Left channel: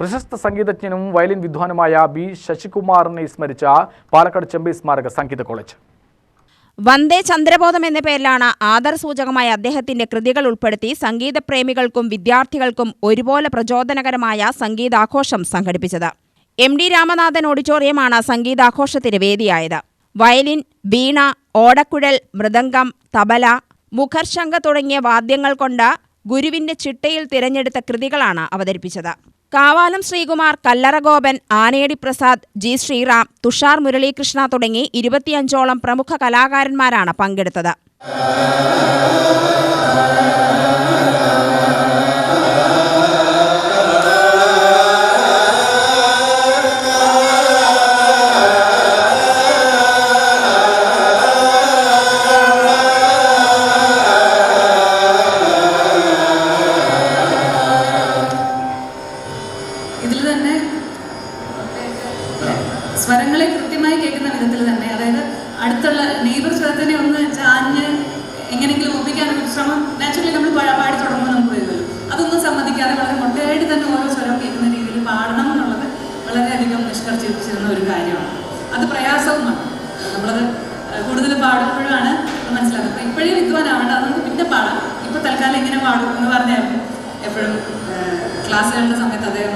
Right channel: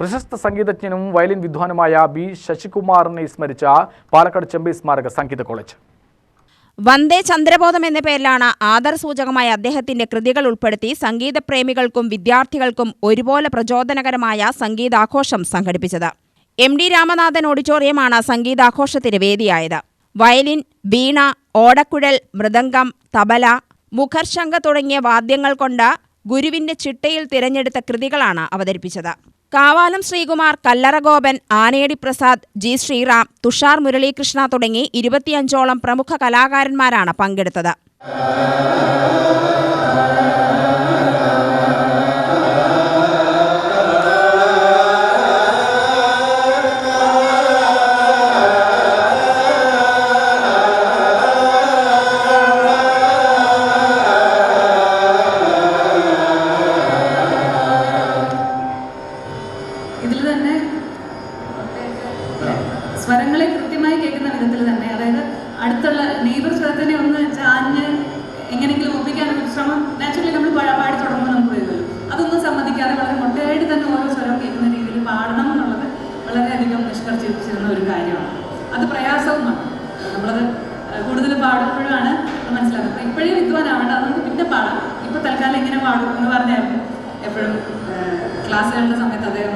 പ്രശസ്ത സംഗീതജ്ഞനും വയലിൻ വിദ്വാനുമായ ബി ശശികുമാറിനെ സ്മരിച്ച പാലക്കാട് ചെമ്പൈ സ്മാരക സംഗീത കോളേജ്. വന്ദേ ചന്ദ്രബോധം എന്ന പേരിലാണ് ആദരസൂചകമായ അദ്ദേഹത്തിന്റെ കൃതികൾ ഉൾപ്പെടുത്തി സംഗീതപ്രേമികൾക്കും വിദ്യാർത്ഥികൾക്കും ഒരുപോലെ പ്രചോദനകരമായ സംഗീതാഘോഷം സംഘടിപ്പിച്ചത്. എം ഡി രാമനാഥൻ ഓഡിറ്റോറിയമാണ് സംഗീതാഘോഷത്തിന് വേദിയായത്. വയലിൻ വീണ ഓടക്കുഴൽ മൃദംഗം തബല മുഖർശങ്ക തുടങ്ങിയ വാദ്യങ്ങൾ കൊണ്ട് ഗുരുവിന്റെ ചിട്ടയിൽ തിരഞ്ഞെടുത്ത കൃതികളാണ് അവതരിപ്പിച്ചത്. കാവാലം ശ്രീകുമാർ കല്ലറഗോപൻ ആനയടി പ്രസാദ് ജി ശ്രീറാം തുഷാർ മുരളീകൃഷ്ണ തുടങ്ങി ഇരുപത്തിയഞ്ചോളം പ്രമുഖ കലാകാരന്മാരാണ് പങ്കെടുത്തത്. ഇതിൽ തന്നെ സ്വരങ്ങളെ കൃത്യമായി കേൾക്കുന്ന വിധത്തിൽ തന്നെ അതായത് അടുത്തുള്ള നെയ്ബർ സ്വരത്തിനെ ഒന്ന് ചാഞ്ഞ് എങ്ങനെയെങ്കിലും ഒപ്പിക്കാനുള്ള ശ്രമം നാച്ചുറലി നമ്മൾ പഴ പാടി തുടങ്ങുമ്പോൾ നമുക്ക് വരുമല്ലോ. അതൊന്നും സമ്മതിക്കാതെ വളരെ മൊട്ടയായിട്ട് തന്നെ ഓരോ സ്വരം കേൾക്കുന്ന രീതിയിൽ പാടണം എന്നുള്ളത് വളരെയധികം നിഷ്കർഷിച്ചിരുന്ന ഒരു കാര്യമാണ്. അത് പ്രയാസവുമാണ്. നമ്മളത് കൂടുതൽ പാടുമ്പോഴാണ് മനസ്സിലാക്കുന്നത് അപ്പോൾ ഇപ്പോഴേ വിദ്വാനാവേണ്ട നമുക്ക് പിന്നെ പാടാം. ഇപ്പോൾ തൽക്കാലം എങ്ങനെ പാടും എന്ന് പറഞ്ഞായിരുന്നു എപ്പോഴും ക്ലാസ്സുകളുടെ സമയത്ത് അദ്ദേഹം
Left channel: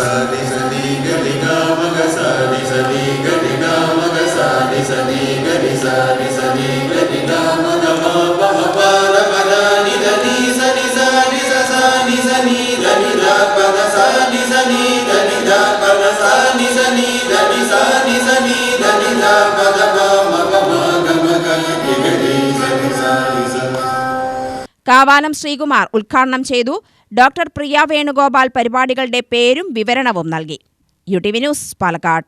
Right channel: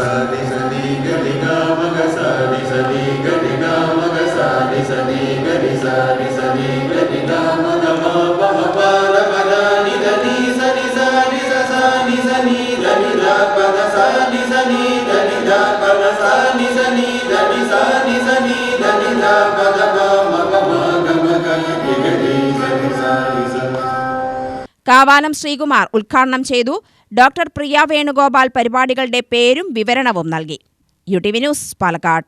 sa ni sa ni ga Kavalam Sreekumar ഉദ്ഘാടനം ചെയ്തു. ഡോക്ടർ പ്രിയ വേണുഗോപാൽ പരിപാടികളുടെ പേരും വിവരണവും നൽകി. U T V news Palakkad.